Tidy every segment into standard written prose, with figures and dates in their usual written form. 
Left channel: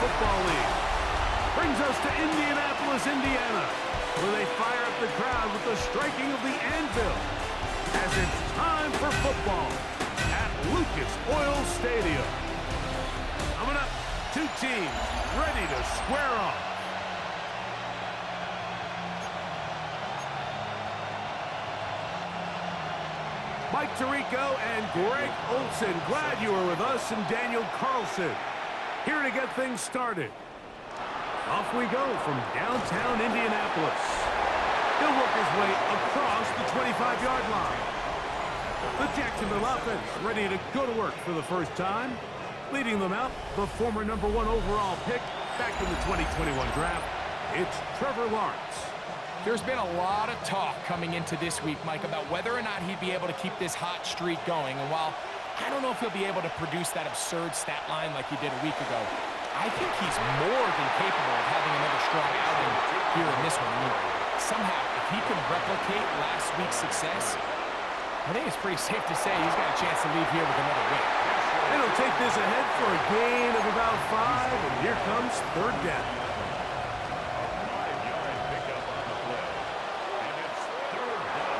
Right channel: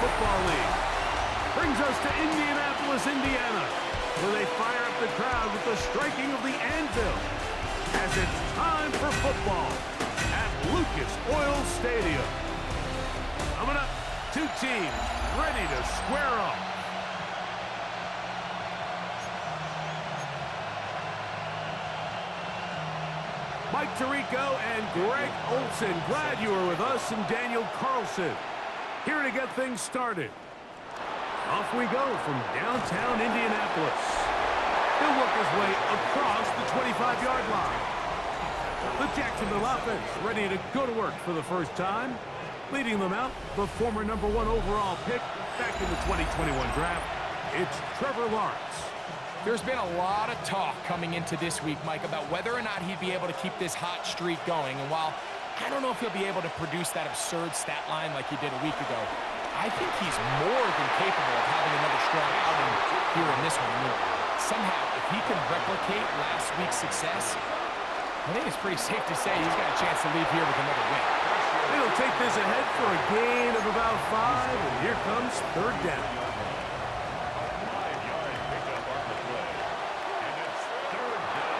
Football League. Brings us to Indianapolis, Indiana, where they fire up the crowd with the striking of the anvil as it's time for football at Lucas Oil Stadium. Coming up, two teams ready to square off. Mike Tirico and Greg Olson, glad you were with us, and Daniel Carlson here to get things started. Off we go from downtown Indianapolis. He'll work his way across the 25-yard line. The Jacksonville offense ready to go to work for the first time. Leading them out, the former #1 overall pick back in the 2021 draft, it's Trevor Lawrence. There's been a lot of talk coming into this week, Mike, about whether or not he'd be able to keep this hot streak going. And while I don't know if he'll be able to produce that absurd stat line like he did a week ago, I think he's more than capable of having another strong outing here in this one. I mean, somehow, if he can replicate last week's success, I think it's pretty safe to say he's got a chance to leave here with another win. It'll take this ahead for a gain of about 5, and here comes third down.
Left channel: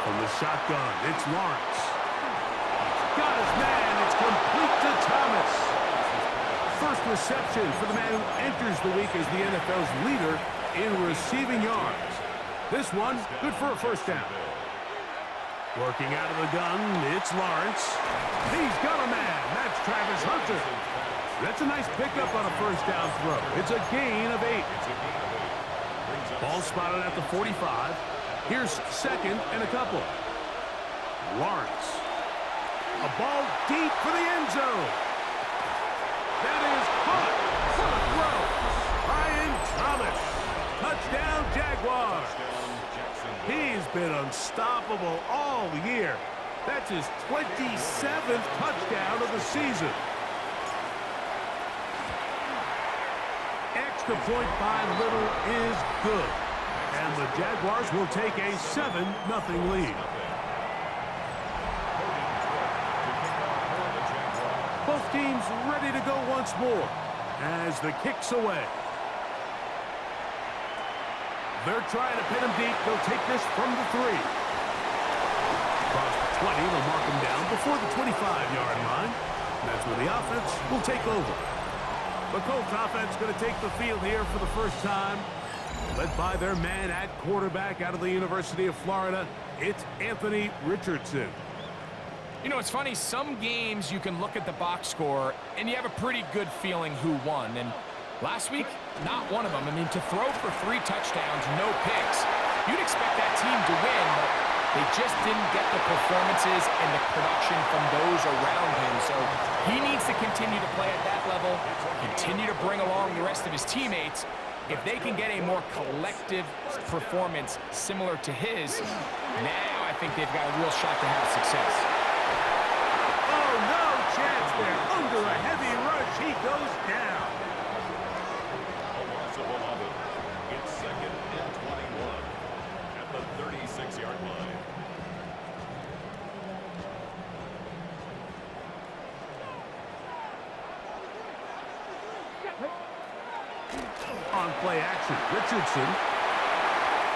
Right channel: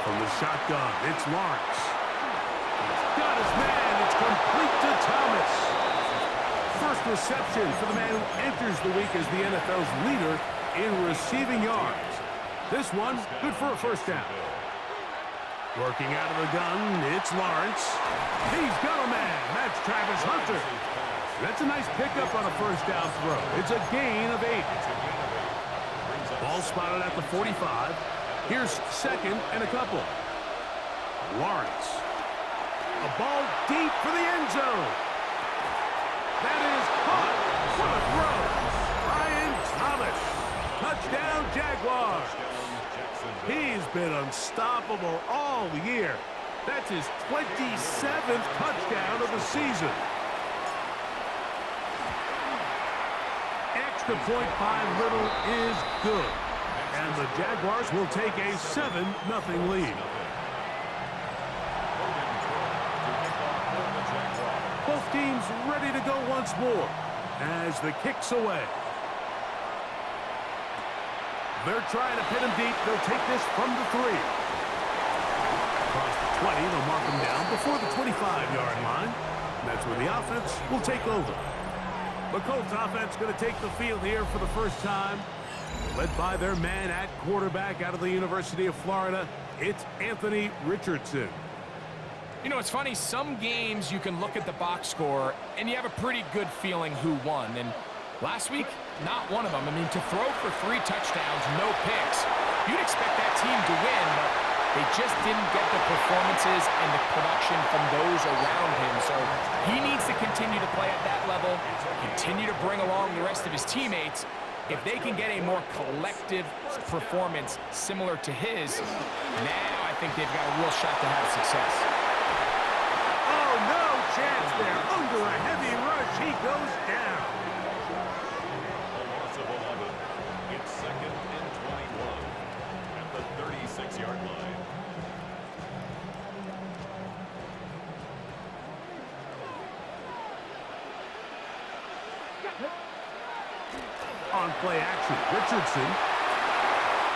From the shotgun, it's Lawrence. He's got his man. It's complete to Thomas. First reception for the man who enters the week as the NFL's leader in receiving yards. This one, good for a first down. Working out of the gun, it's Lawrence. He's got a man. That's Travis Hunter. That's a nice pickup on a first down throw. It's a gain of 8. Ball spotted at the 45. Here's second and a couple. Lawrence. A ball deep for the end zone. That is caught. What a throw. Ryan Thomas. Touchdown, Jaguars. He's been unstoppable all year. That's his 27th touchdown of the season. Extra point by Little is good. And the Jaguars will take a 7-0 lead. Both teams ready to go once more as the kick's away. They're trying to pin him deep. They'll take this from the 3. Across the 20, they'll mark him down before the 25-yard line. And that's where the offense will take over. The Colts offense going to take the field here for the first time. Led by their man at quarterback out of the University of Florida, it's Anthony Richardson. You know, it's funny, some games you can look at the box score and you have a pretty good feeling who won. And last week, not one of them. I mean, to throw for 3 touchdowns, no picks, you'd expect that team to win, but they just didn't get the performances and the production from those around him. So he needs to continue to play at that level, continue to bring along the rest of his teammates. If they can get a more collective performance similar to his, now I think they've got a real shot to have success. Oh, no chance there. Under a heavy rush, he goes down. A loss of 11. It's 2nd and 21 at the 36-yard line. On play action, Richardson.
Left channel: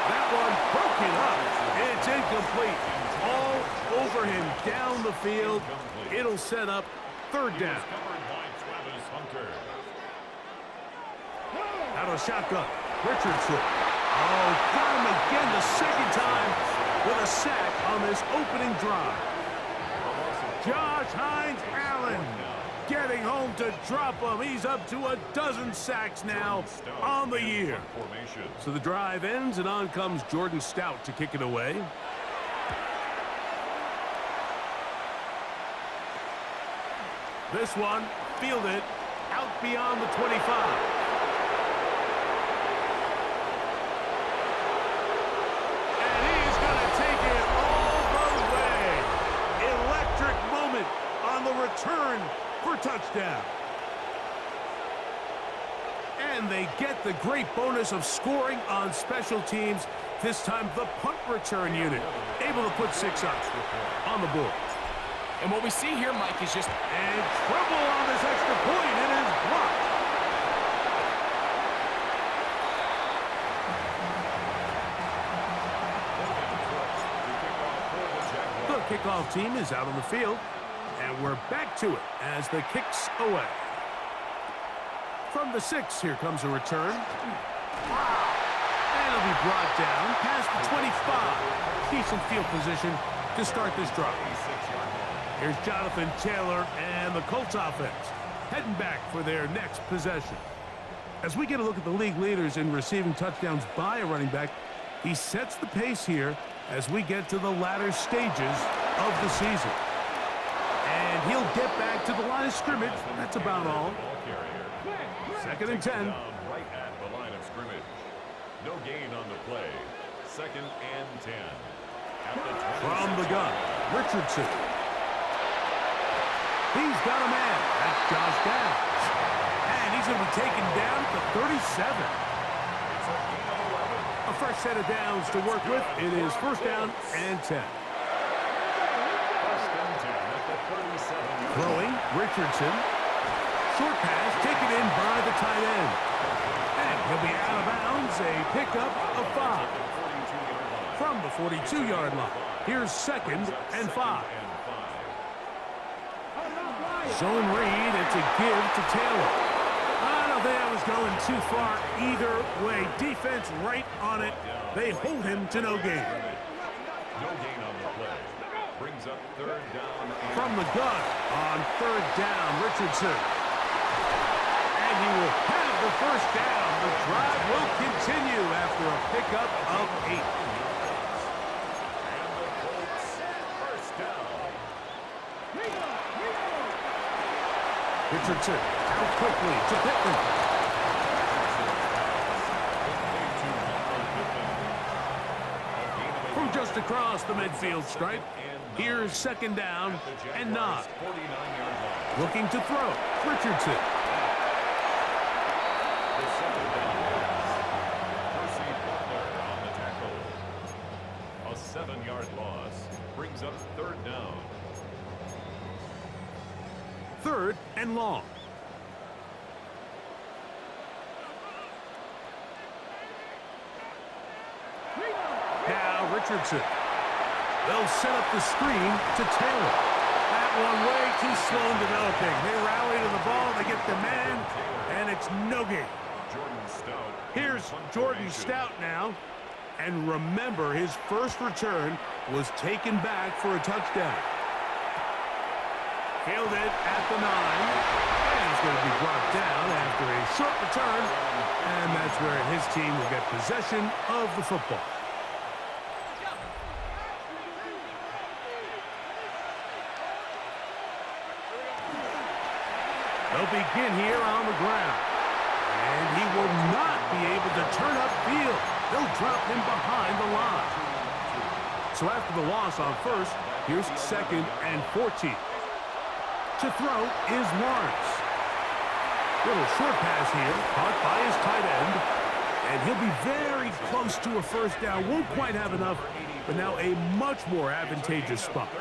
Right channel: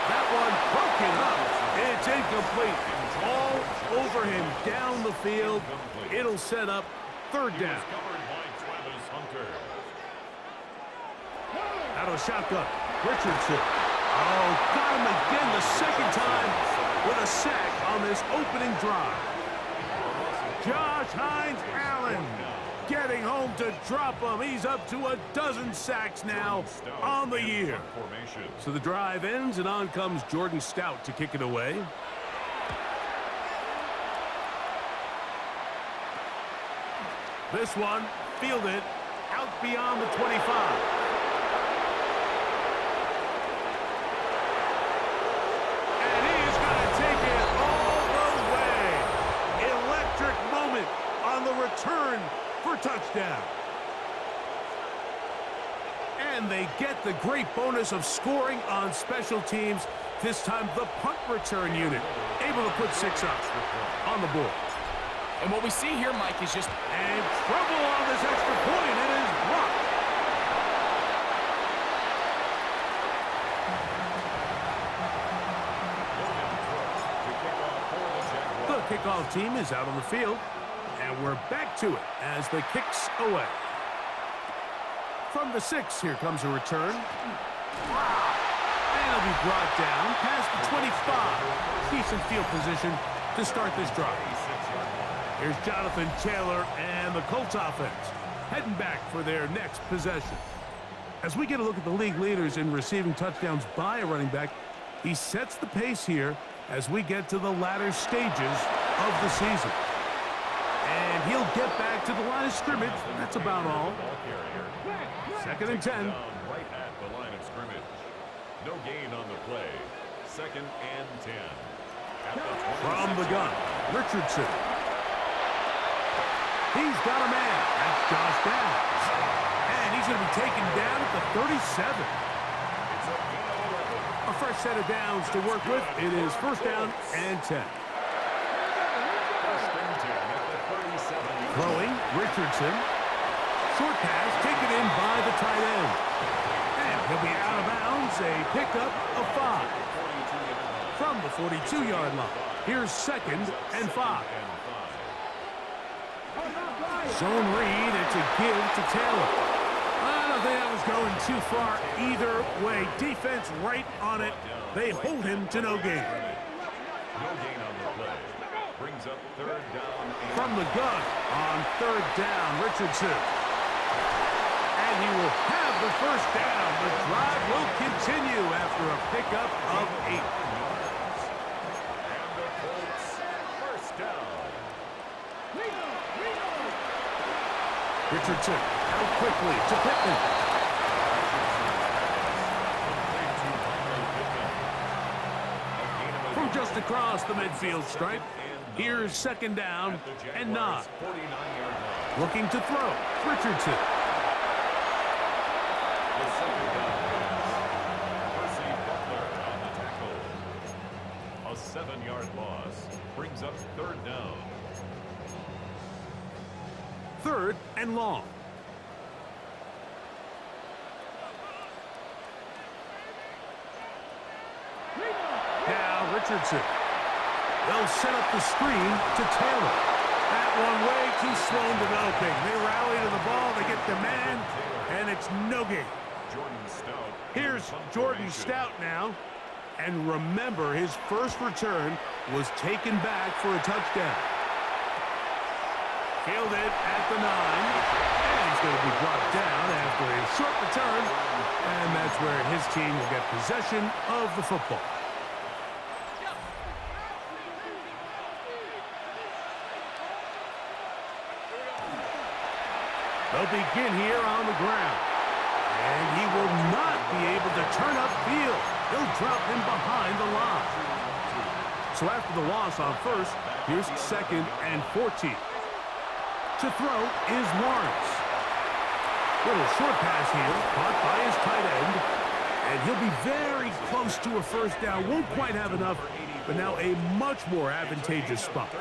That one broken up. It's incomplete. All over him down the field. It'll set up third down. Out of the shotgun, Richardson. Oh, got him again the second time with a sack on this opening drive. Josh Hines-Allen getting home to drop him. He's up to 12 sacks now on the year. So the drive ends, and on comes Jordan Stout to kick it away. This one fielded out beyond the 25. And he's going to take it all the way. Electric moment on the return for touchdown. And they get the great bonus of scoring on special teams. This time the punt return unit able to put 6 up on the board. And what we see here, Mike, is just... And trouble on this extra point. It is blocked. kickoff team is out on the field. And we're back to it as the kick's away. From the 6, here comes a return. Wow. And it'll be brought down past the 25. Decent field position to start this drive. Here's Jonathan Taylor and the Colts offense heading back for their next possession. As we get a look at the league leaders in receiving touchdowns by a running back, he sets the pace here as we get to the latter stages of the season. And he'll get back to the line of scrimmage. That's about all. Second and 10. Right at the line of scrimmage. No gain on the play. Second and 10. From the gun, Richardson. He's got a man. That's Josh Downs. And he's going to be taken down at the 37. It's a gain of 11. A fresh set of downs to work with. It is first down and 10. First and 10 at the 37. Throwing, Richardson. Short pass taken in by the tight end. And he'll be out of bounds. A pickup of 5. From the 42-yard line. Here's second and 5. Zone read. It's a give to Taylor. I don't think I was going too far either way. Defense right on it. They hold him to no gain. No gain on the play. Brings up third down. From the gun on third down, Richardson. And he will have the first down. The drive will continue after a pickup of 8. And the Colts first down. Richardson out quickly to Pittman. From just across the midfield stripe, here's second down and 9. Looking to throw, Richardson. The second down pass. Percy Butler on the tackle. A 7-yard loss brings up third down. Third and long. Now Richardson. They'll set up the screen to Taylor. That one way too slow in developing. They rally to the ball, they get the man, and it's no gain. Here's Jordan Stout now. And remember, his first return was taken back for a touchdown. Fielded at the 9. And he's going to be brought down after a short return. And that's where his team will get possession of the football. They'll begin here on the ground. And he will not be able to turn upfield. They'll drop him behind the line. So after the loss on first, here's second and 14. To throw is Lawrence. Little short pass here, caught by his tight end. And he'll be very close to a first down. Won't quite have enough, but now a much more advantageous spot.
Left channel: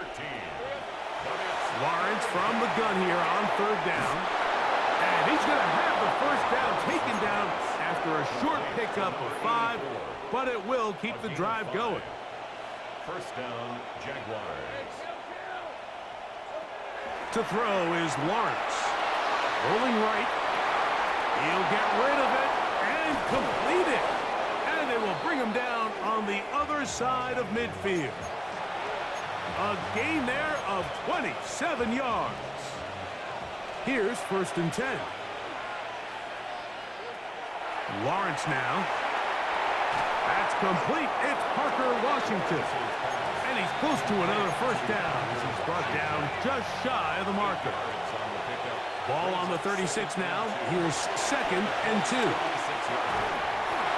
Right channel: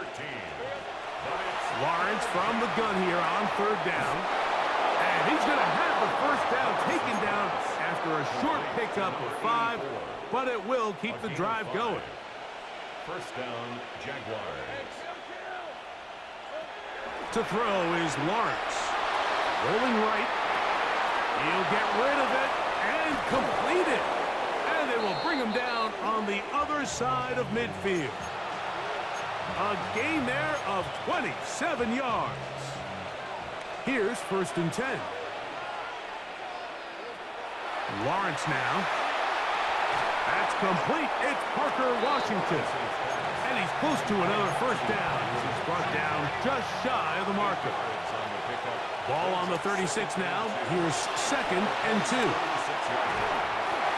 Lawrence from the gun here on third down. And he's going to have the first down taken down after a short pickup of 5, but it will keep the drive going. First down, Jaguars. To throw is Lawrence. Rolling right. He'll get rid of it and complete it. And they will bring him down on the other side of midfield. A gain there of 27 yards. Here's first and 10. Lawrence now. That's complete. It's Parker Washington. And he's close to another first down as he's brought down just shy of the marker. Ball on the 36 now. Here's second and 2.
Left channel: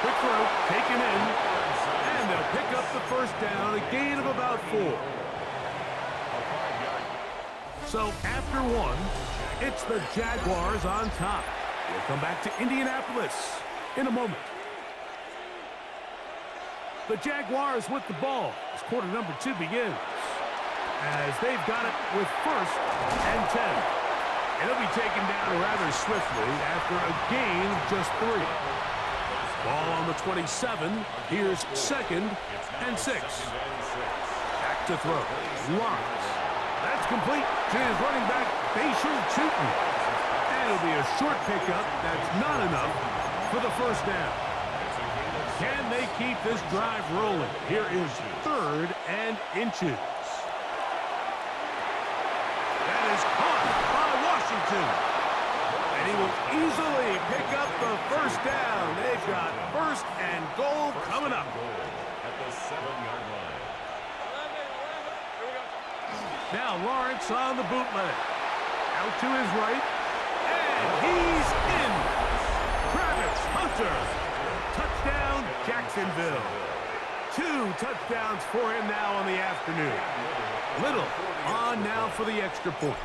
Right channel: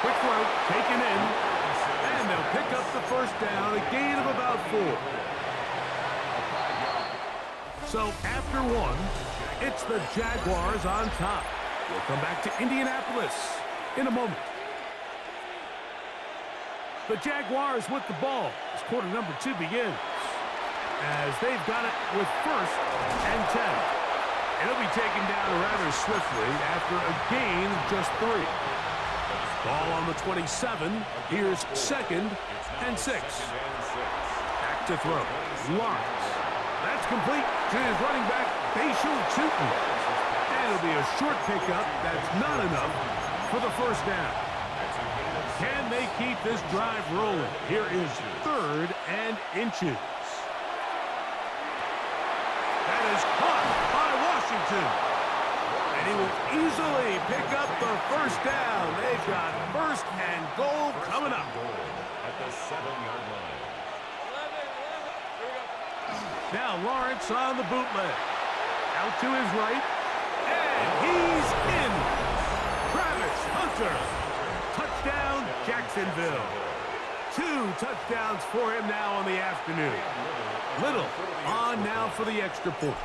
Quick throw taken in. And they'll pick up the first down, a gain of about 4. So after 1, it's the Jaguars on top. We'll come back to Indianapolis in a moment. The Jaguars with the ball as quarter number 2 begins. As they've got it with first and 10. It'll be taken down rather swiftly after a gain of just 3. Ball on the 27. Here's second and 6. Back to throw. Lawrence. That's complete to his running back, Facial Tootin. And it'll be a short pickup. That's not enough for the first down. Can they keep this drive rolling? Here is 3rd and inches. That is caught by Washington. And he will easily pick up the first down. They've got 1st and goal coming up. At the 7-yard line. Now Lawrence on the bootleg. Out to his right. And he's in. Travis Hunter. Touchdown, Jacksonville. 2 touchdowns for him now on the afternoon. Little on now for the extra point.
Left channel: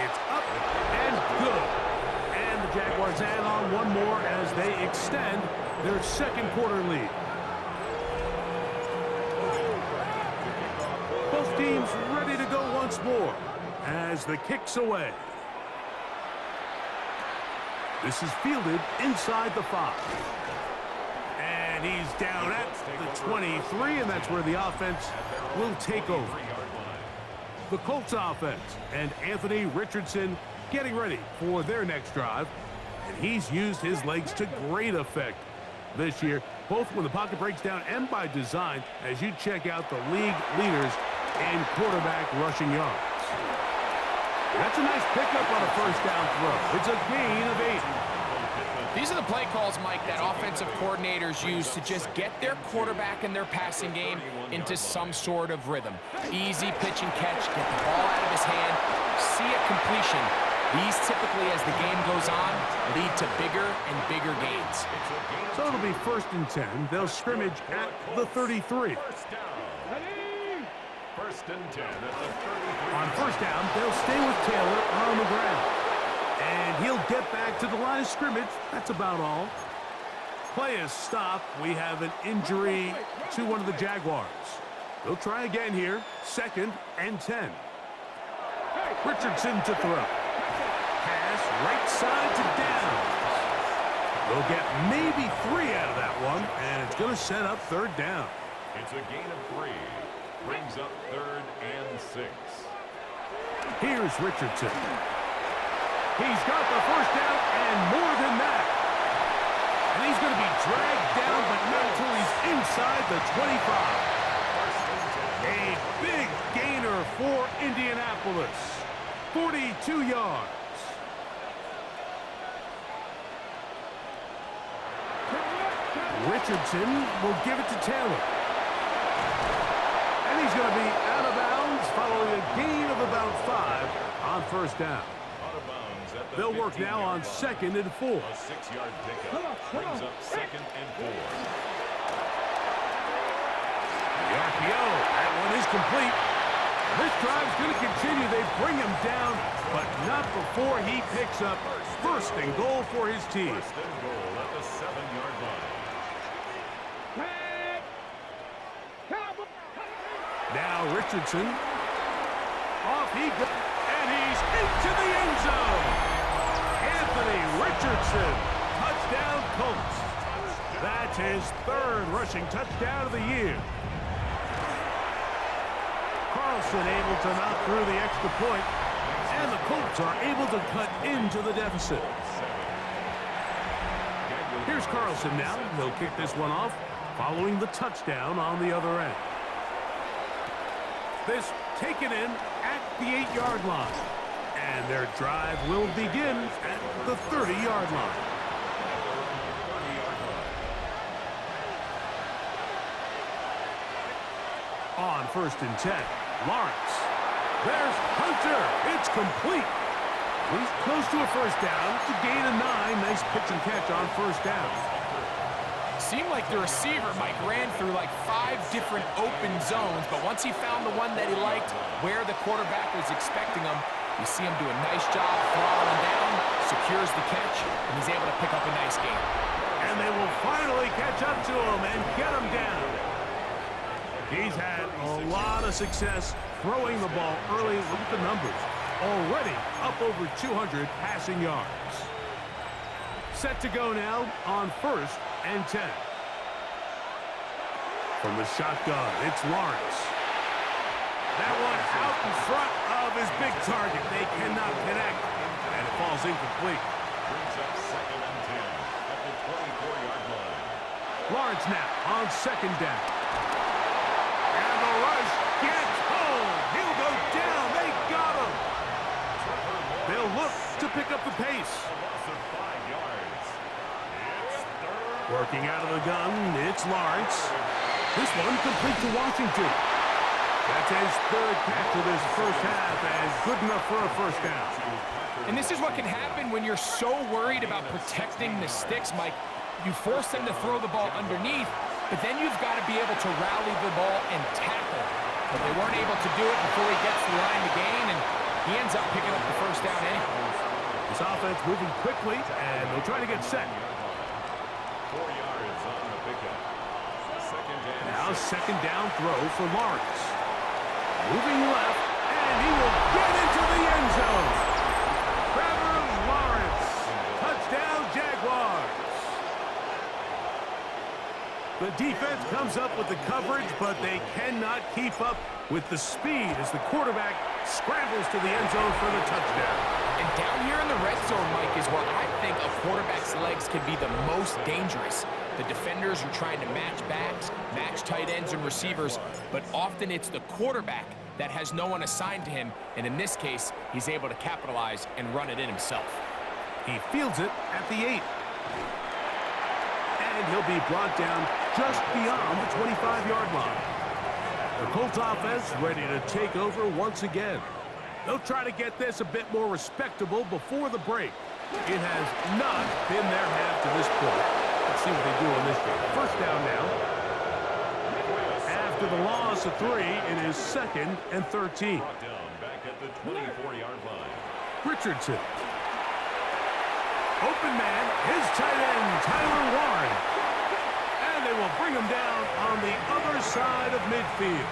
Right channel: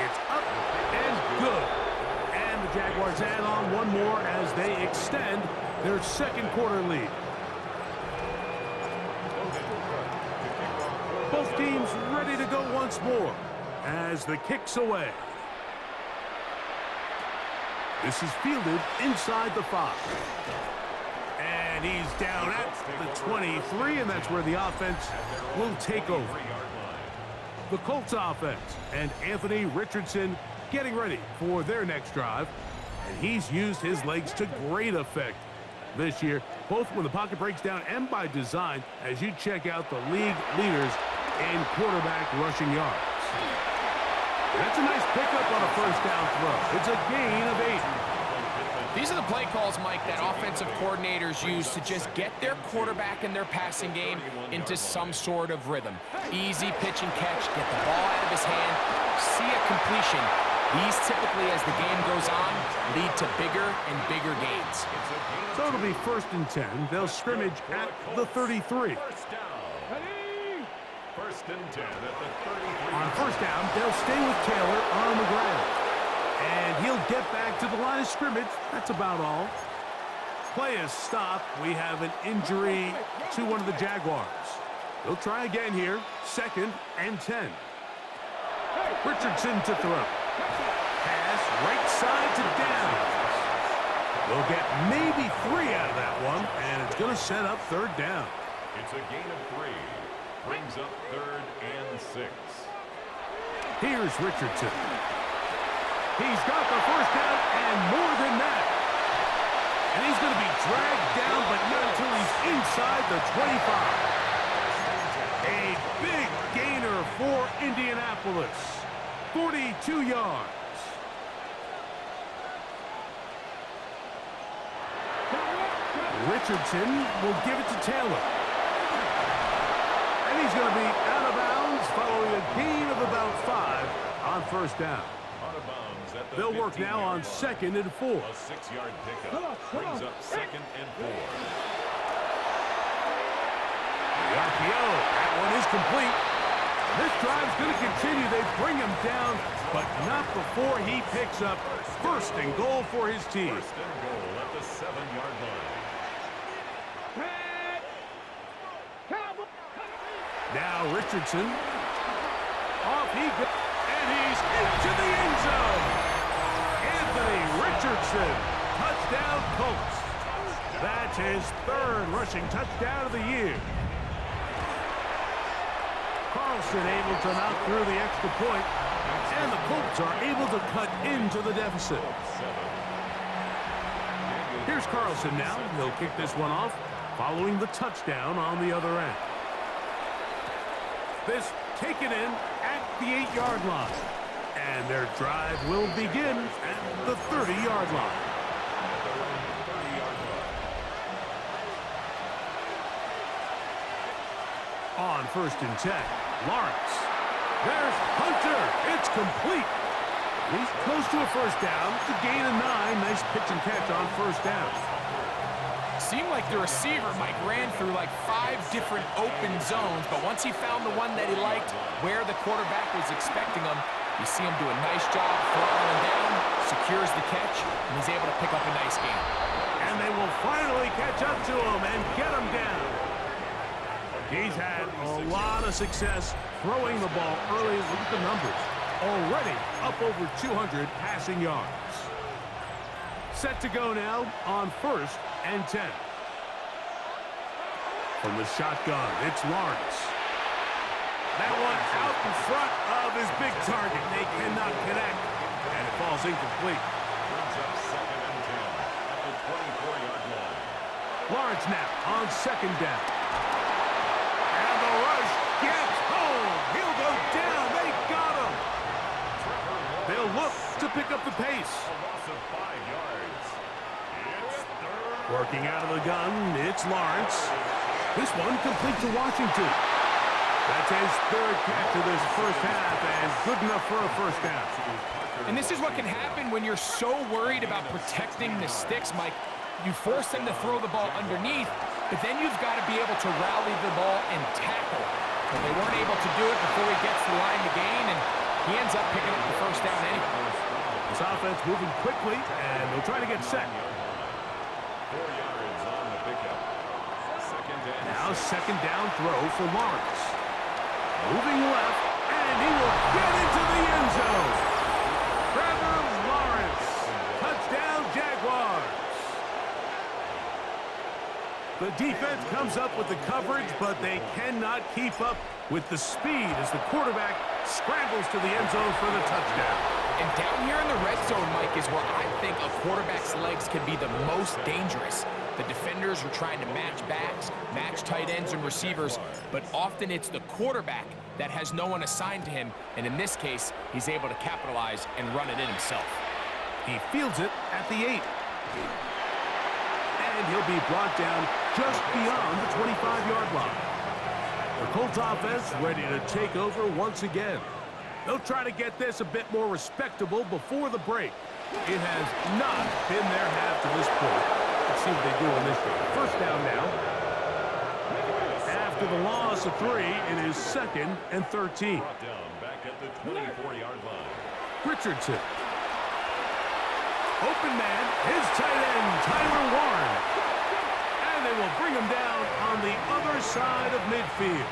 It's up and good. And the Jaguars add on one more as they extend their 2nd quarter lead. Both teams ready to go once more as the kick's away. This is fielded inside the 5. And he's down at the 23, and that's where the offense will take over. The Colts offense and Anthony Richardson getting ready for their next drive. And he's used his legs to great effect this year, both when the pocket breaks down and by design, as you check out the league leaders in quarterback rushing yards. That's a nice pickup on a first down throw. It's a gain of 8. These are the play calls, Mike, that offensive coordinators use to just get their quarterback and their passing game into some sort of rhythm. Easy pitch and catch, get the ball out of his hand, see a completion. These typically, as the game goes on, lead to bigger and bigger gains. So it'll be 1st and 10. They'll scrimmage at the 33. First and 10 at the 33. On first down, they'll stay with Taylor on the ground. And he'll get back to the line of scrimmage. That's about all. Play is stopped. We have an injury to one of the Jaguars. They'll try again here. 2nd and 10. Richardson to throw. Pass right side to Downs. They'll get maybe 3 out of that one, and it's going to set up 3rd down. It's a gain of 3. Brings up 3rd and 6. Here's Richardson. He's got the first down and more than that. And he's going to be dragged down, but not until he's inside the 25. A big gainer for Indianapolis. 42 yards. Richardson will give it to Taylor. And he's going to be out of bounds following a gain of about 5 on first down. Out of bounds at the They'll work now on 2nd and 4. A 6-yard pickup brings up 2nd and 4. The RPO, that one is complete. And this drive's going to continue. They bring him down, but not before he picks up 1st and goal for his team. 1st and goal at the 7-yard line. Now Richardson. Off he goes. And he's into the end zone. Anthony Richardson. Touchdown Colts. That's his 3rd rushing touchdown of the year. Carlson able to knock through the extra point, and the Colts are able to cut into the deficit. Here's Carlson now. He'll kick this one off following the touchdown on the other end. This taken in at the 8-yard line. And their drive will begin at the 30-yard line. On 1st and 10, Lawrence. There's Hunter. It's complete. He's close to a first down to gain a 9. Nice pitch and catch on first down. Seemed like the receiver, Mike, ran through like 5 different open zones, but once he found the one that he liked, where the quarterback was expecting him, you see him do a nice job throttling down, secures the catch, and he's able to pick up a nice gain. And they will finally catch up to him and get him down. He's had a lot of success throwing the ball early. Look at the numbers. Already up over 200 passing yards. Set to go now on 1st and 10. From the shotgun, it's Lawrence. That one out in front of his big target. They cannot connect, and it falls incomplete. Brings up 2nd and 10 at the 24-yard line. Lawrence now on 2nd down. And the rush gets home. He'll go down. They got him. They'll look to pick up the pace. A loss of 5 yards. It's 3rd. Working out of the gun, it's Lawrence. This one complete to Washington. That's his 3rd catch of this first half, and good enough for a first down. And this is what can happen when you're so worried about protecting the sticks, Mike. You force them to throw the ball underneath, but then you've got to be able to rally the ball and tackle. But they weren't able to do it before he gets the line to gain, and he ends up picking up the first down anyway. This offense moving quickly, and they'll try to get set. 4 yards on the pickup. 2nd and Now 6. 2nd down throw for Lawrence. Moving left, and he will get into the end zone. Trevor Lawrence. Touchdown, Jaguars. The defense comes up with the coverage, but they cannot keep up with the speed as the quarterback scrambles to the end zone for the touchdown. And down here in the red zone, Mike, is where I think a quarterback's legs can be the most dangerous. The defenders are trying to match backs, match tight ends and receivers, but often it's the quarterback that has no one assigned to him, and in this case, he's able to capitalize and run it in himself. He fields it at the 8. And he'll be brought down just beyond the 25-yard line. The Colts offense ready to take over once again. They'll try to get this a bit more respectable before the break. It has not been their half to this point. Let's see what they do on this game. First down now. After the loss of 3, it is 2nd and 13. Brought down back at the 24-yard line. Richardson. Open man, his tight end, Tyler Warren. And they will bring him down on the other side of midfield.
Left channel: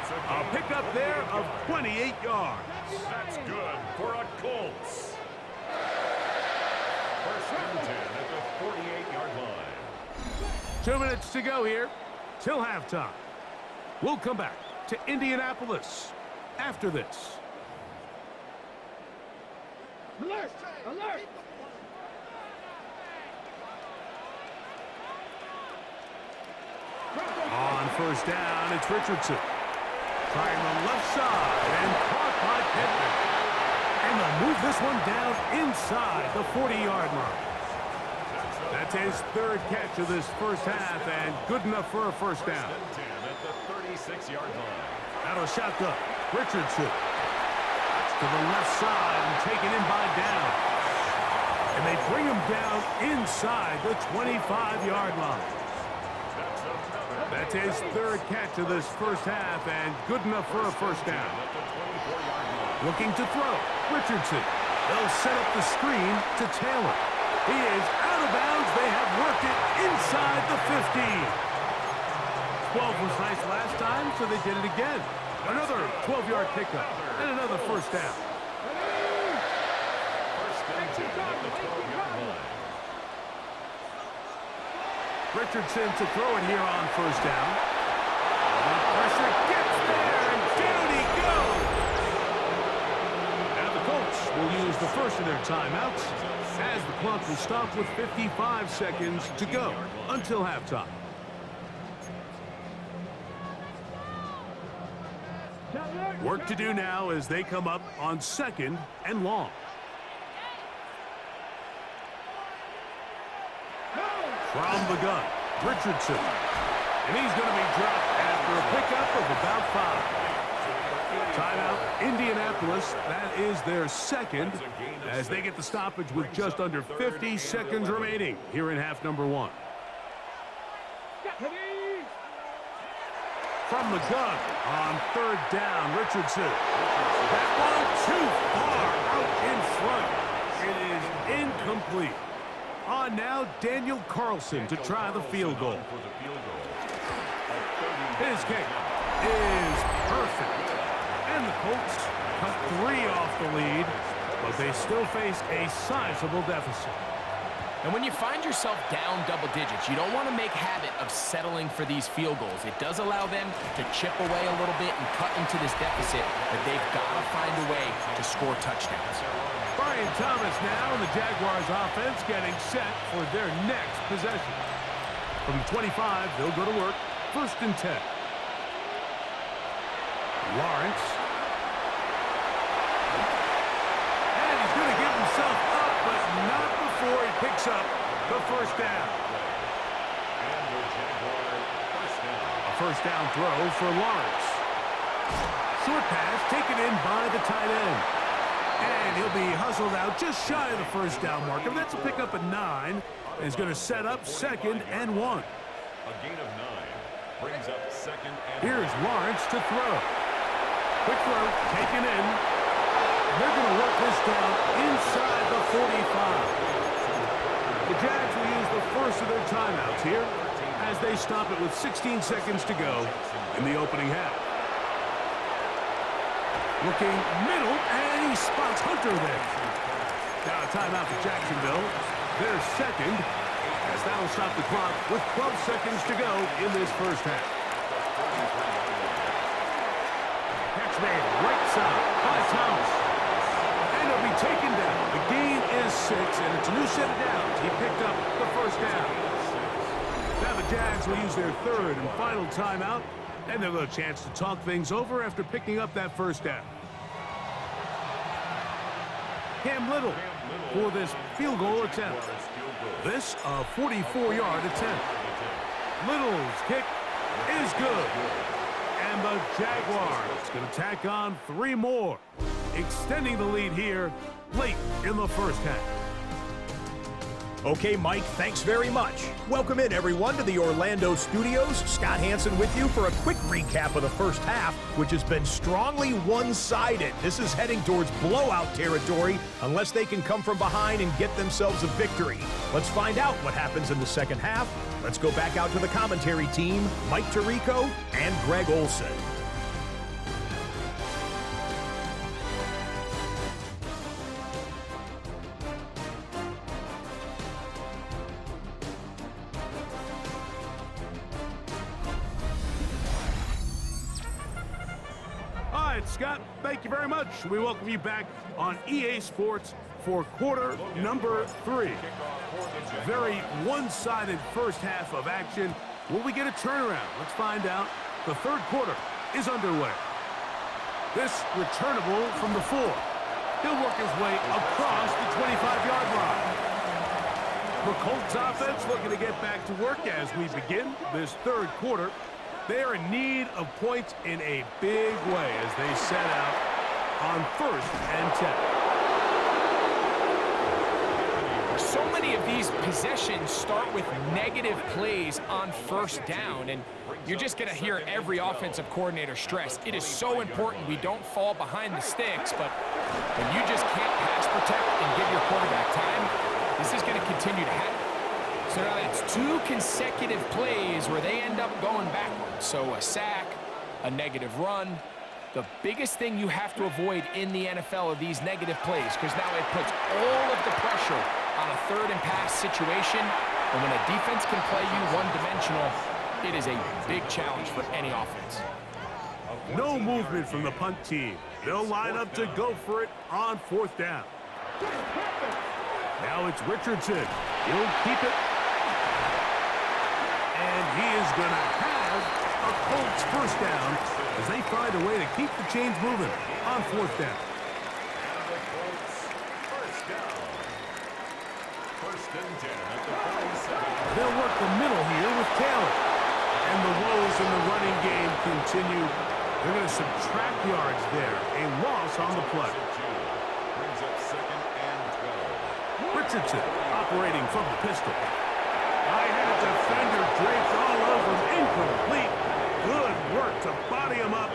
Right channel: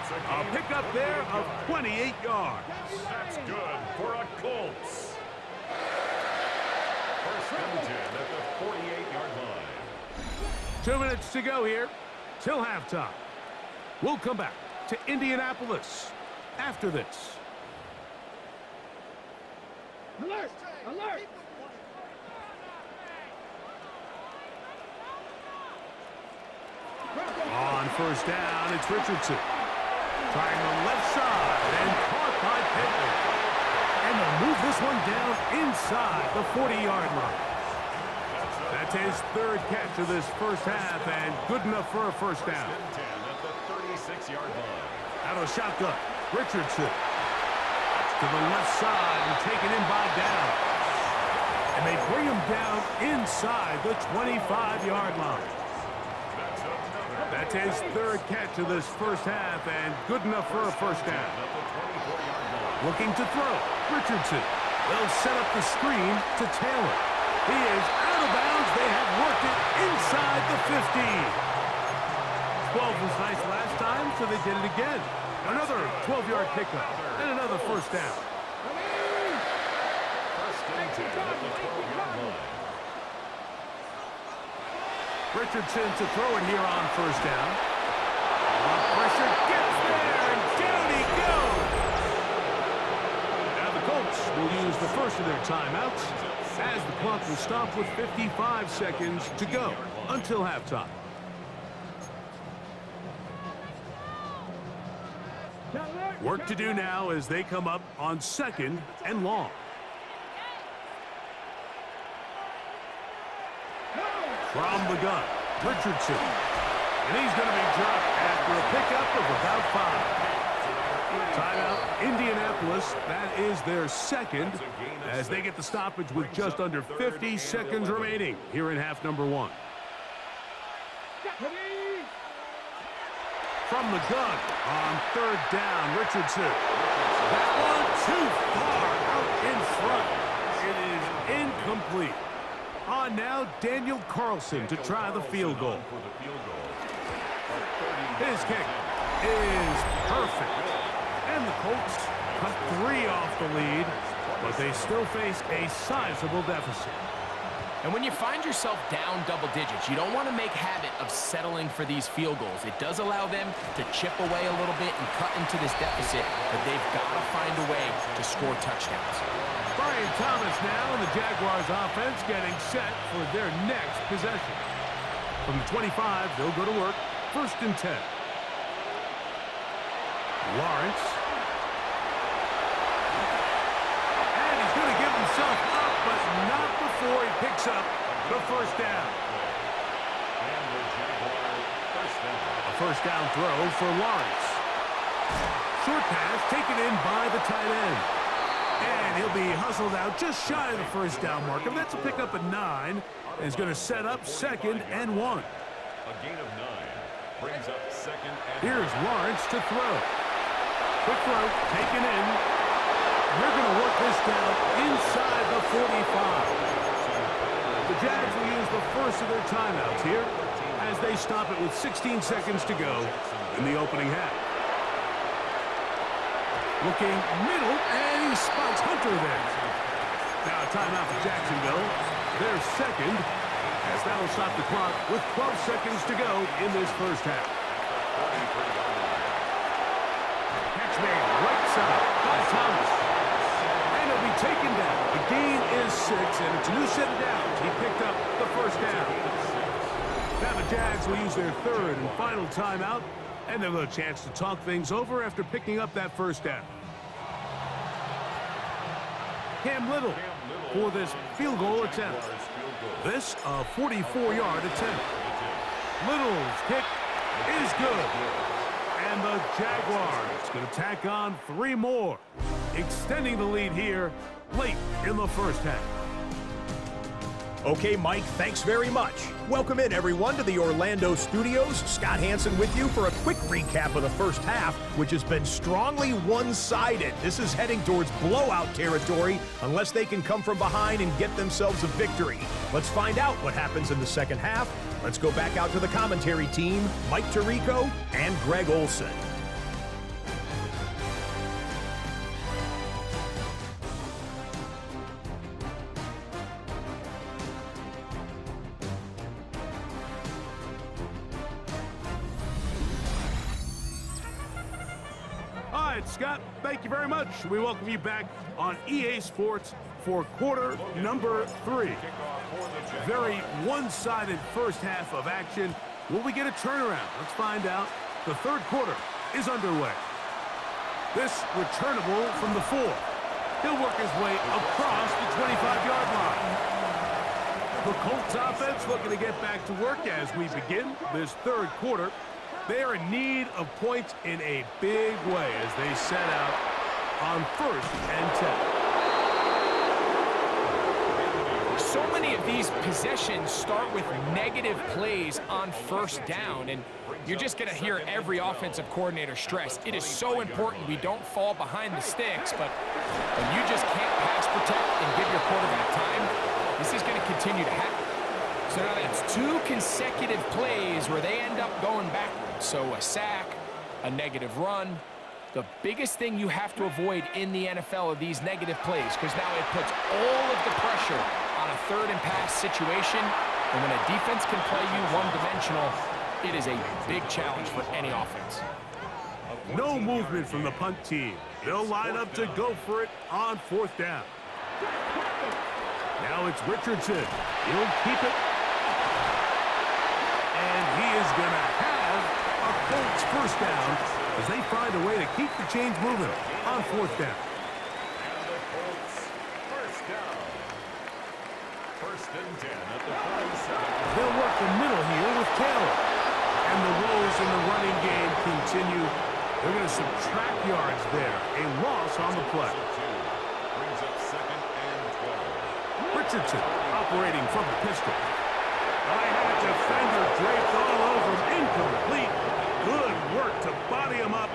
It's A pickup there of 28 yards. That's good for a Colts. 1st and 10 at the 48-yard line. 2 minutes to go here till halftime. We'll come back to Indianapolis after this. Alert! Alert! On first down, it's Richardson. Trying the left side and caught by Pittman. And they'll move this one down inside the 40-yard line. That's his 3rd catch of this first half, and good enough for a first down. 1st and 10 at the 36-yard line. Out of a shotgun, Richardson. To the left side and taken in by down. And they bring him down inside the 25-yard line. That's his 3rd catch of this first half, and good enough for a first down. At the 24-yard line. Looking to throw, Richardson. They'll set up the screen to Taylor. He is out of bounds. They have worked it inside the 15. 12 was nice last time, so they did it again. Another 12-yard pickup and another first down. 1st and 10 at the 12-yard line. Richardson to throw it here on first down. The pressure gets there, and down he goes. Now the Colts will use the first of their timeouts as the clock will stop with 55 seconds to go until halftime. Work to do now as they come up on 2nd and long. From the gun, Richardson. And he's going to be dropped after a pickup of about 5. Timeout, Indianapolis. That is their 2nd as they get the stoppage with just under 50 seconds remaining here in half number 1. From the gun on 3rd down, Richardson. That one too far out in front. It is incomplete. On now, Daniel Carlson to try the field goal. His kick is perfect. And the Colts cut 3 off the lead, but they still face a sizable deficit. And when you find yourself down double digits, you don't want to make habit of settling for these field goals. It does allow them to chip away a little bit and cut into this deficit, but they've got to find a way to score touchdowns. Brian Thomas now, and the Jaguars offense getting set for their next possession. From the 25, they'll go to work. 1st and 10. Lawrence. And he's going to give himself up, but not before he picks up the 1st down. And the Jaguar first down. A 1st down throw for Lawrence. Short pass taken in by the tight end. And he'll be hustled out just shy of the 1st down marker. That's a pickup at 9. And he's going to set up 2nd and 1. A gain of 9 brings up 2nd and Here's Lawrence to throw. Quick throw taken in. And they're going to work this down inside the 45. The Jags will use the first of their timeouts here as they stop it with 16 seconds to go in the opening half. Looking middle, and he spots Hunter there. Now a timeout for Jacksonville. Their 2nd, as that'll stop the clock with 12 seconds to go in this 1st half. Catch made right side by Thomas. And he'll be taken down. The gain is 6, and it's a new set of downs. He picked up the 1st down. Now the Jags will use their 3rd and final timeout, and they'll have a chance to talk things over after picking up that 1st down. Cam Little for this field goal attempt. This a 44-yard attempt. Little's kick is good. And the Jaguars going to tack on 3 more, extending the lead here late in the 1st half. Okay, Mike, thanks very much. Welcome in, everyone, to the Orlando studios. Scott Hansen with you for a quick recap of the 1st half, which has been strongly one-sided. This is heading towards blowout territory unless they can come from behind and get themselves a victory. Let's find out what happens in the 2nd half. Let's go back out to the commentary team, Mike Tirico and Greg Olson. All right, Scott, thank you very much. We welcome you back on EA Sports for quarter number 3. Very one-sided 1st half of action. Will we get a turnaround? Let's find out. The 3rd quarter is underway. This returnable from the 4. He'll work his way across the 25-yard line. The Colts offense looking to get back to work as we begin this 3rd quarter. They are in need of points in a big way as they set out on 1st and 10. So many of these possessions start with negative plays on 1st down, and you're just going to hear every offensive coordinator stress. It is so important we don't fall behind the sticks, but when you just can't pass protect and give your quarterback time, this is going to continue to happen. So now that's 2 consecutive plays where they end up going backwards. So a sack, a negative run. The biggest thing you have to avoid in the NFL are these negative plays, because now it puts all of the pressure on a 3rd and pass situation. And when a defense can play you one-dimensional, it is a big challenge for any offense. No movement from the punt team. They'll line up to go for it on 4th down. Now it's Richardson. He'll keep it. And he is going to have a Colts 1st down as they find a way to keep the chains moving on 4th down. And the Colts first down. 1st and 10 at the 47. They'll work the middle here with Taylor. And the woes in the running game continue. They're going to subtract yards there. A loss on the play. Brings up 2nd and 12. Richardson operating from the pistol. I had a defender draped all over him. Incomplete. Good work to body him up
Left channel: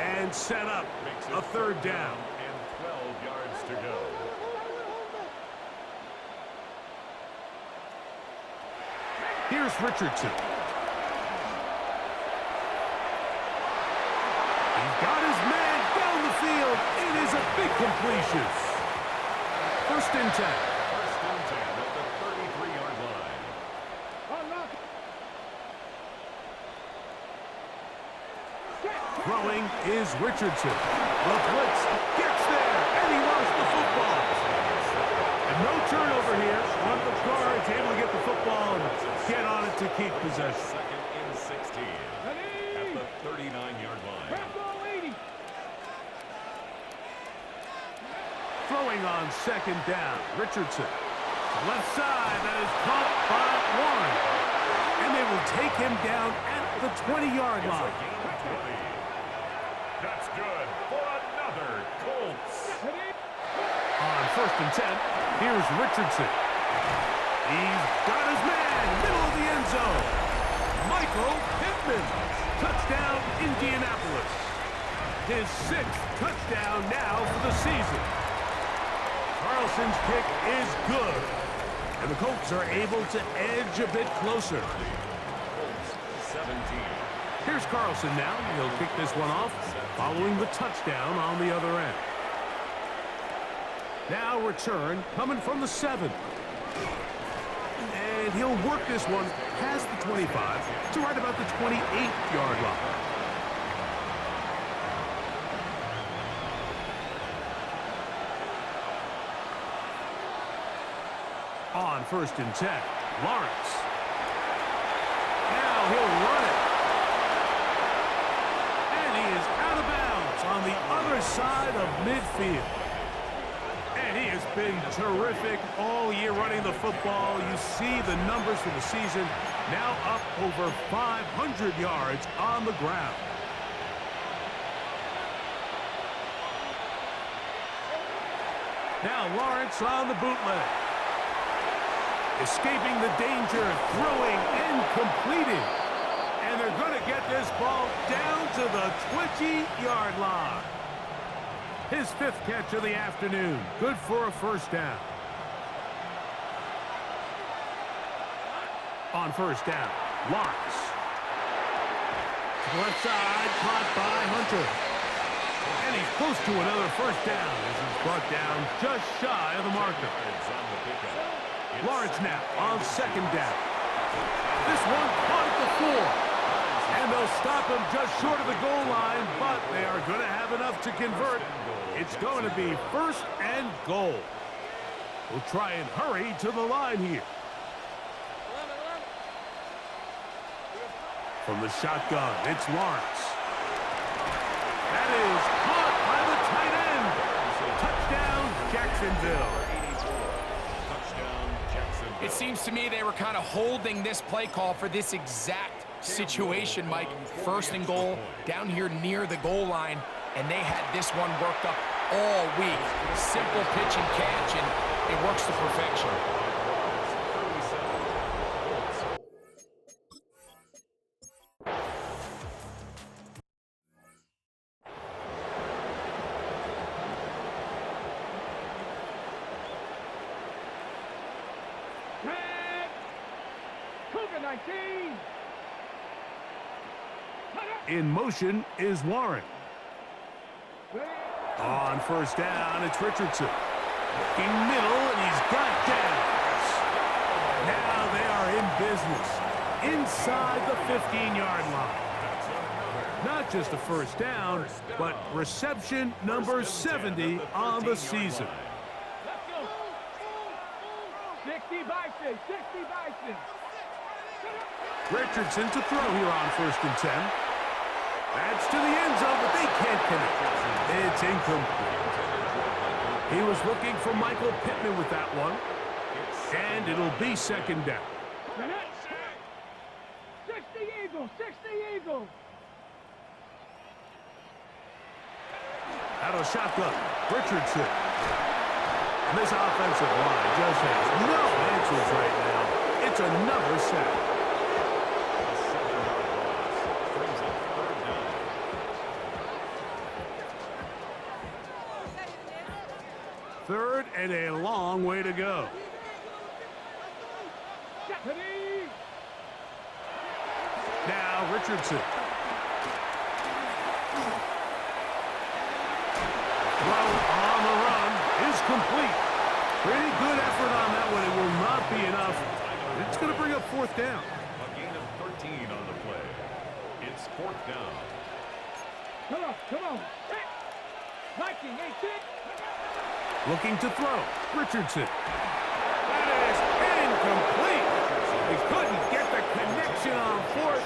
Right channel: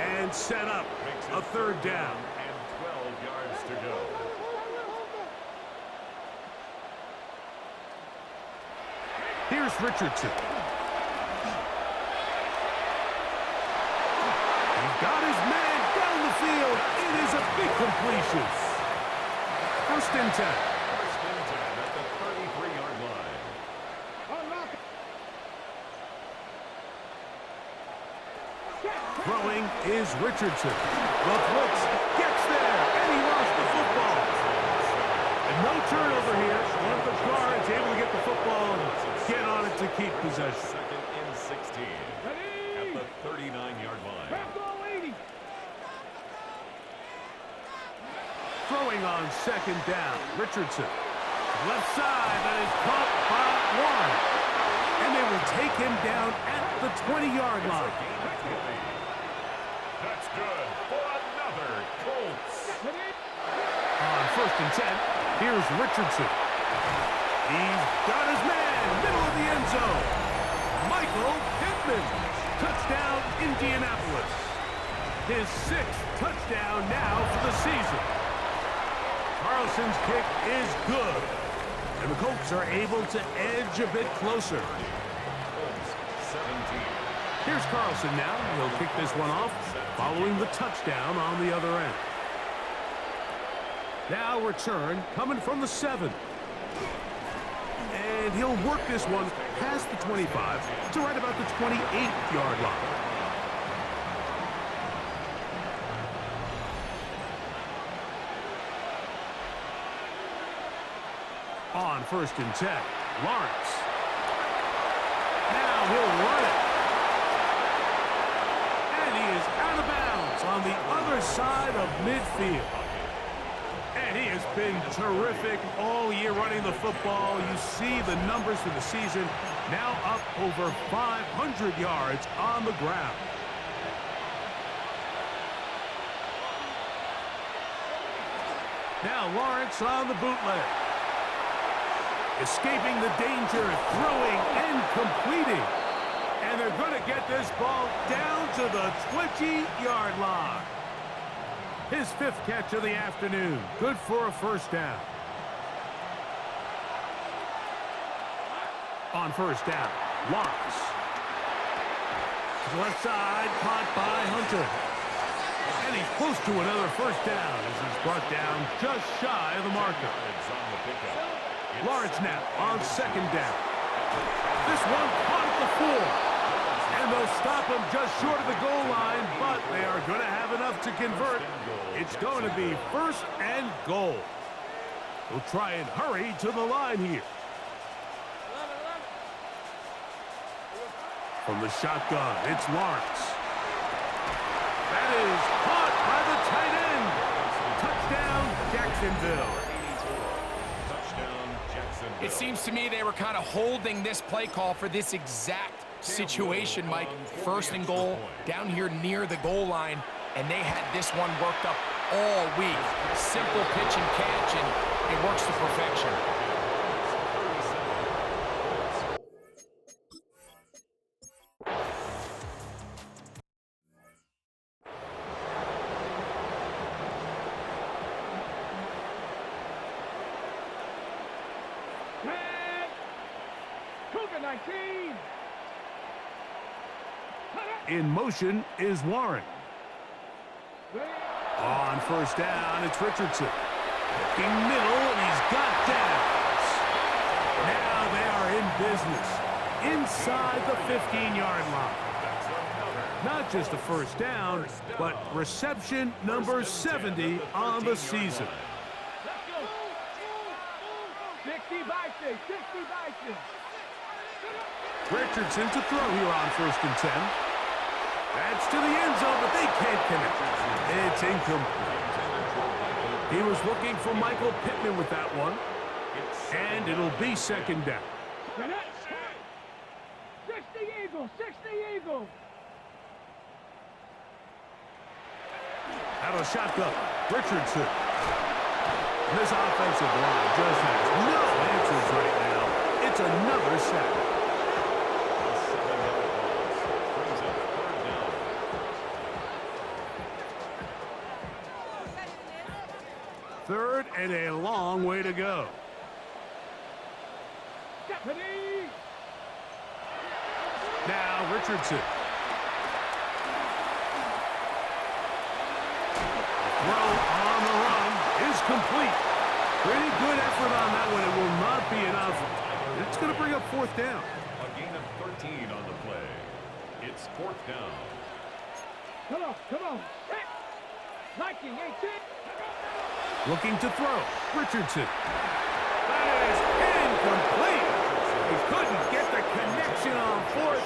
and set up a 3rd down. And 12 yards to go. Here's Richardson. He's got his man down the field. It is a big completion. 1st and 10. 1st and 10 at the 33-yard Throwing is Richardson. The blitz gets there, and he lost the football. And no turnover here. One of the guards able to get the football and get on it to keep possession. Second and 16 at the 39-yard line. Back goal 80. Throwing on second down, Richardson. Left side, that is caught by Warren. And they will take him down at the 20-yard line. Gain of 20. That's good for another Colts. On first and 10, here's Richardson. He's got his man, middle of the end zone. Michael Pittman. Touchdown, Indianapolis. His 6th touchdown now for the season. Carlson's kick is good. And the Colts are able to edge a bit closer. Colts 17. Here's Carlson now. He'll kick this one off following the touchdown on the other end. Now return coming from the 7. And he'll work this one past the 25 to right about the 28-yard line. On first and 10, Lawrence. Now he'll run it. And he is out of bounds on the other side of midfield. And he has been terrific all year running the football. You see the numbers for the season, now up over 500 yards on the ground. Now Lawrence on the bootleg. Escaping the danger, throwing and completing. And they're going to get this ball down to the 20-yard line. His 5th catch of the afternoon. Good for a first down. On first down, Lawrence. To the left side, caught by Hunter. And he's close to another first down as he's brought down just shy of the marker. Lawrence now on second down. This one caught at the 4. And they'll stop him just short of the goal line, but they are going to have enough to convert. It's going to be first and goal. We'll try and hurry to the line here. From the shotgun, it's Lawrence. That is caught by the tight end. Touchdown, Jacksonville. It seems to me they were kind of holding this play call for this exact situation, Mike. First and goal, down here near the goal line, and they had this one worked up all week. Simple pitch and catch, and it works to perfection. Cougar 19. In motion is Warren. On first down, it's Richardson. Looking middle, and he's got downs. Now they are in business inside the 15-yard line. Not just a first down, but reception number 70 on the season. Let's go. 60 Bison. 60 Bison. Richardson to throw here on first and 10. That's to the end zone, but they can't connect. It's incomplete. He was looking for Michael Pittman with that one. And it'll be second down. 60 Eagles. 60 Eagles. Out of the shotgun, Richardson. And this offensive line just has no answers right now. It's another sack. Third and a long way to go. Now Richardson. The throw on the run is complete. Pretty good effort on that one. It will not be enough. It's going to bring up fourth down. A gain of 13 on the play. It's fourth down. Come on. Set. Liking, 18. Looking to throw. Richardson. That is incomplete. He couldn't get the connection on fourth.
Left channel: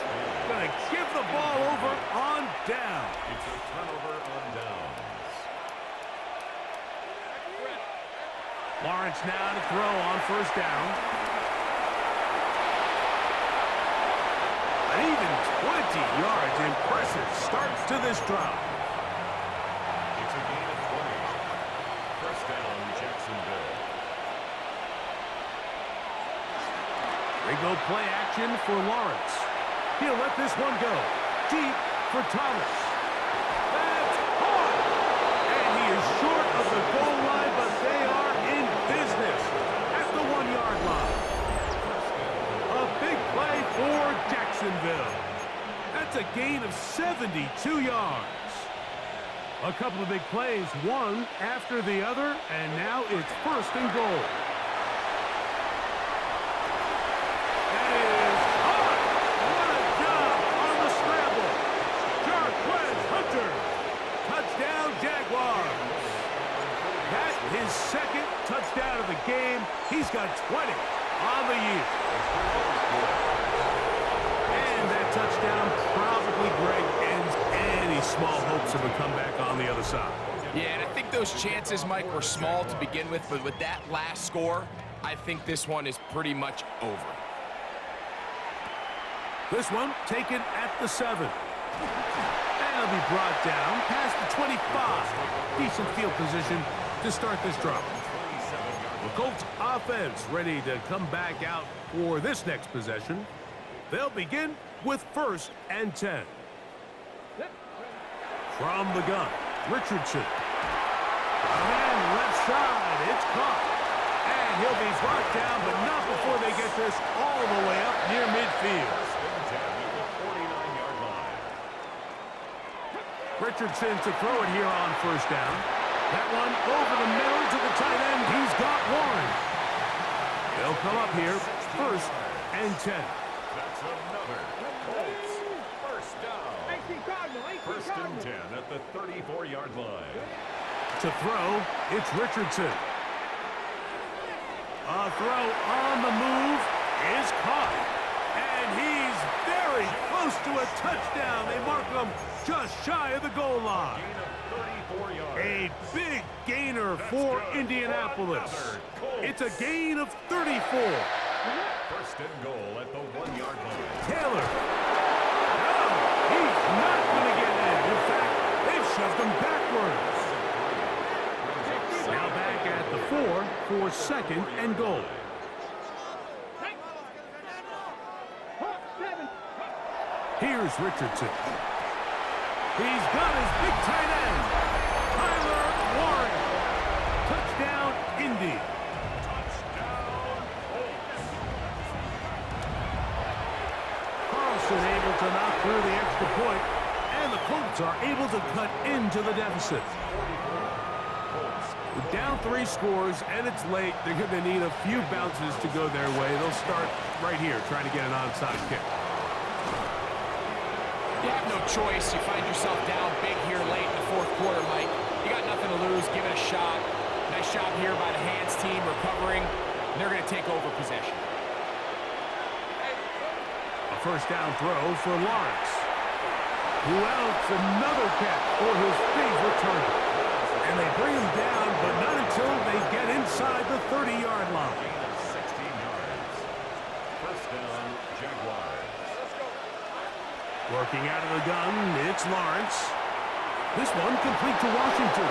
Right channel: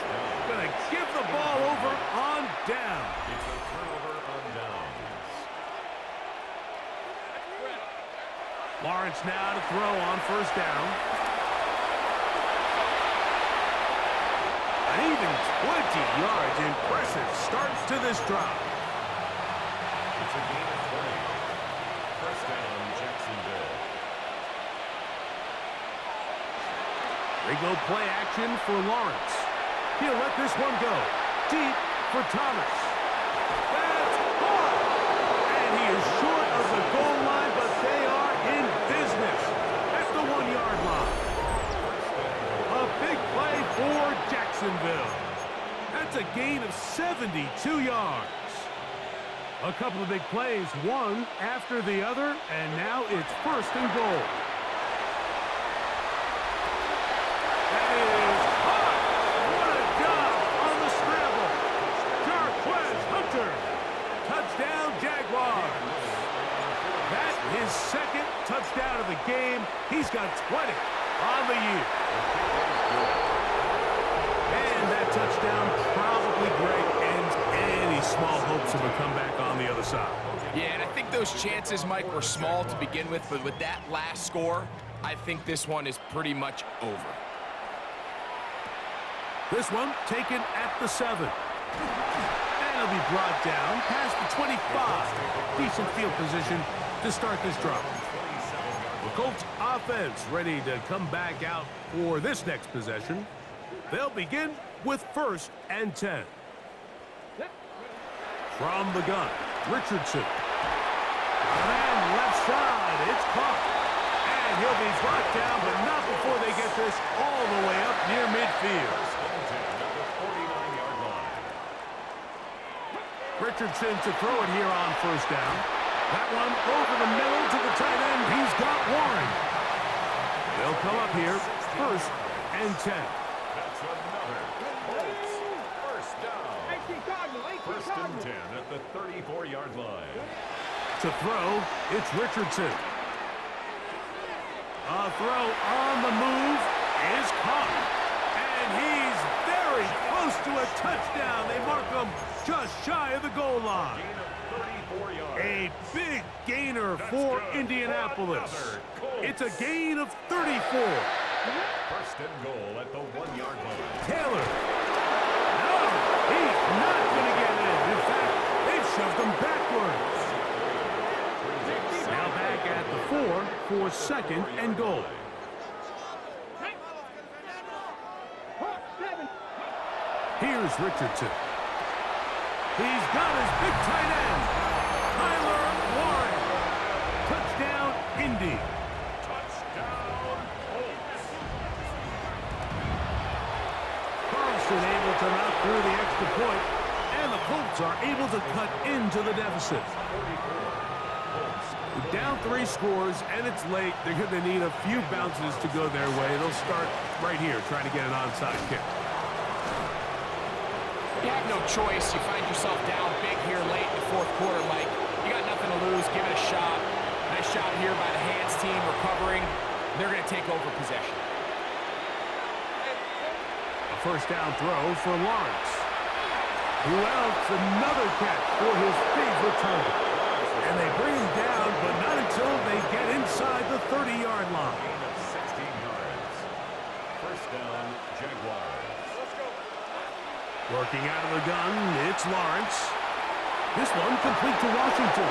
Gonna give the ball over on down. It's a turnover on downs. Lawrence now to throw on first down. An even 20 yards. Impressive start to this drive. It's a gain of 20. First down, Jacksonville. They go play action for Lawrence. He'll let this one go. Deep for Thomas. That's caught! And he is short of the goal line, but they are in business at the 1-yard line. A big play for Jacksonville. That's a gain of 72 yards. A couple of big plays, one after the other, and now it's first and goal. That is caught! What a job on the scramble. Jarquez Hunter. Touchdown, Jaguars. That's his second touchdown of the game. He's got 20 on the year. And that touchdown probably, Greg, ends any small hopes of a comeback on the other side. Yeah, and I think those chances, Mike, were small to begin with, but with that last score, I think this one is pretty much over. This one taken at the 7. And it'll be brought down past the 25. Decent field position to start this drive. The Colts offense ready to come back out for this next possession. They'll begin with first and 10. From the gun, Richardson. Got a man left side. It's caught. And he'll be brought down, but not before they get this all the way up near midfield. First and 10 at the 49-yard line. Richardson to throw it here on first down. That one over the middle to the tight end. He's got Warren. They'll come up here first and 10. That's another Colts first down. 18 Cardinal, 18 First and Cardinal. 10 at the 34-yard line. To throw, it's Richardson. A throw on the move is caught. And he's very close to a touchdown. They mark him just shy of the goal line. Gain of 34 yards. A big gainer for good. Indianapolis. Another Colts. It's a gain of 34. First and goal at the 1-yard line. Taylor. No, he's not going to get in. In fact, they've shoved him backwards. Now back at the 4 for second and goal. Here's Richardson. He's got his big tight end, Tyler Warren. Touchdown, Indy. Touchdown, Colts. Carlson able to knock through the extra point, and the Colts are able to cut into the deficit. 44. Colts. Down 3 scores, and it's late. They're going to need a few bounces to go their way. They'll start right here, trying to get an onside kick. You have no choice. You find yourself down big here late in the fourth quarter, Mike. You got nothing to lose. Give it a shot. Nice job here by the hands team recovering. They're going to take over possession. A first down throw for Lawrence. Who else? Another catch for his favorite target. And they bring him down, but not until they get inside the 30-yard line. Gain of 16 yards. First down, Jaguars. Working out of the gun, it's Lawrence. This one complete to Washington.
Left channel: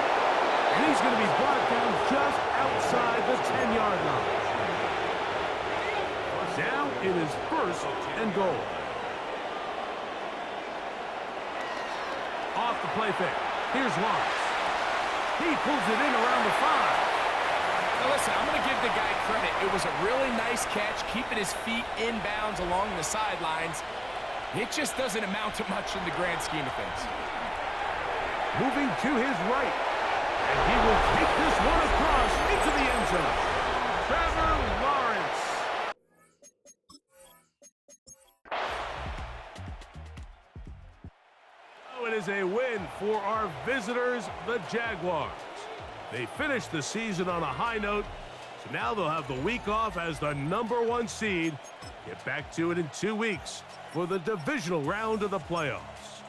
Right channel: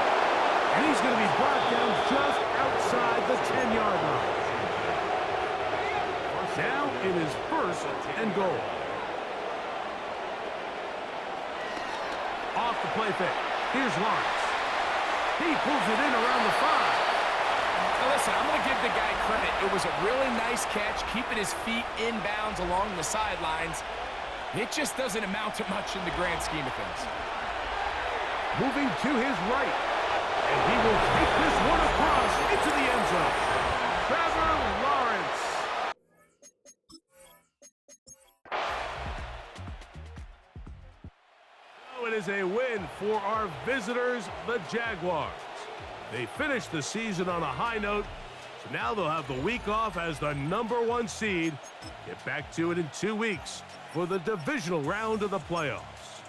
And he's going to be brought down just outside the 10-yard line. Now it is first and goal. Off the play fake. Here's Lawrence. He pulls it in around the 5. Now listen, I'm going to give the guy credit. It was a really nice catch, keeping his feet inbounds along the sidelines. It just doesn't amount to much in the grand scheme of things. Moving to his right. And he will take this one across into the end zone. Trevor Lawrence. Oh, it is a win for our visitors, the Jaguars. They finished the season on a high note, so now they'll have the week off as the #1 seed. Get back to it in 2 weeks for the divisional round of the playoffs.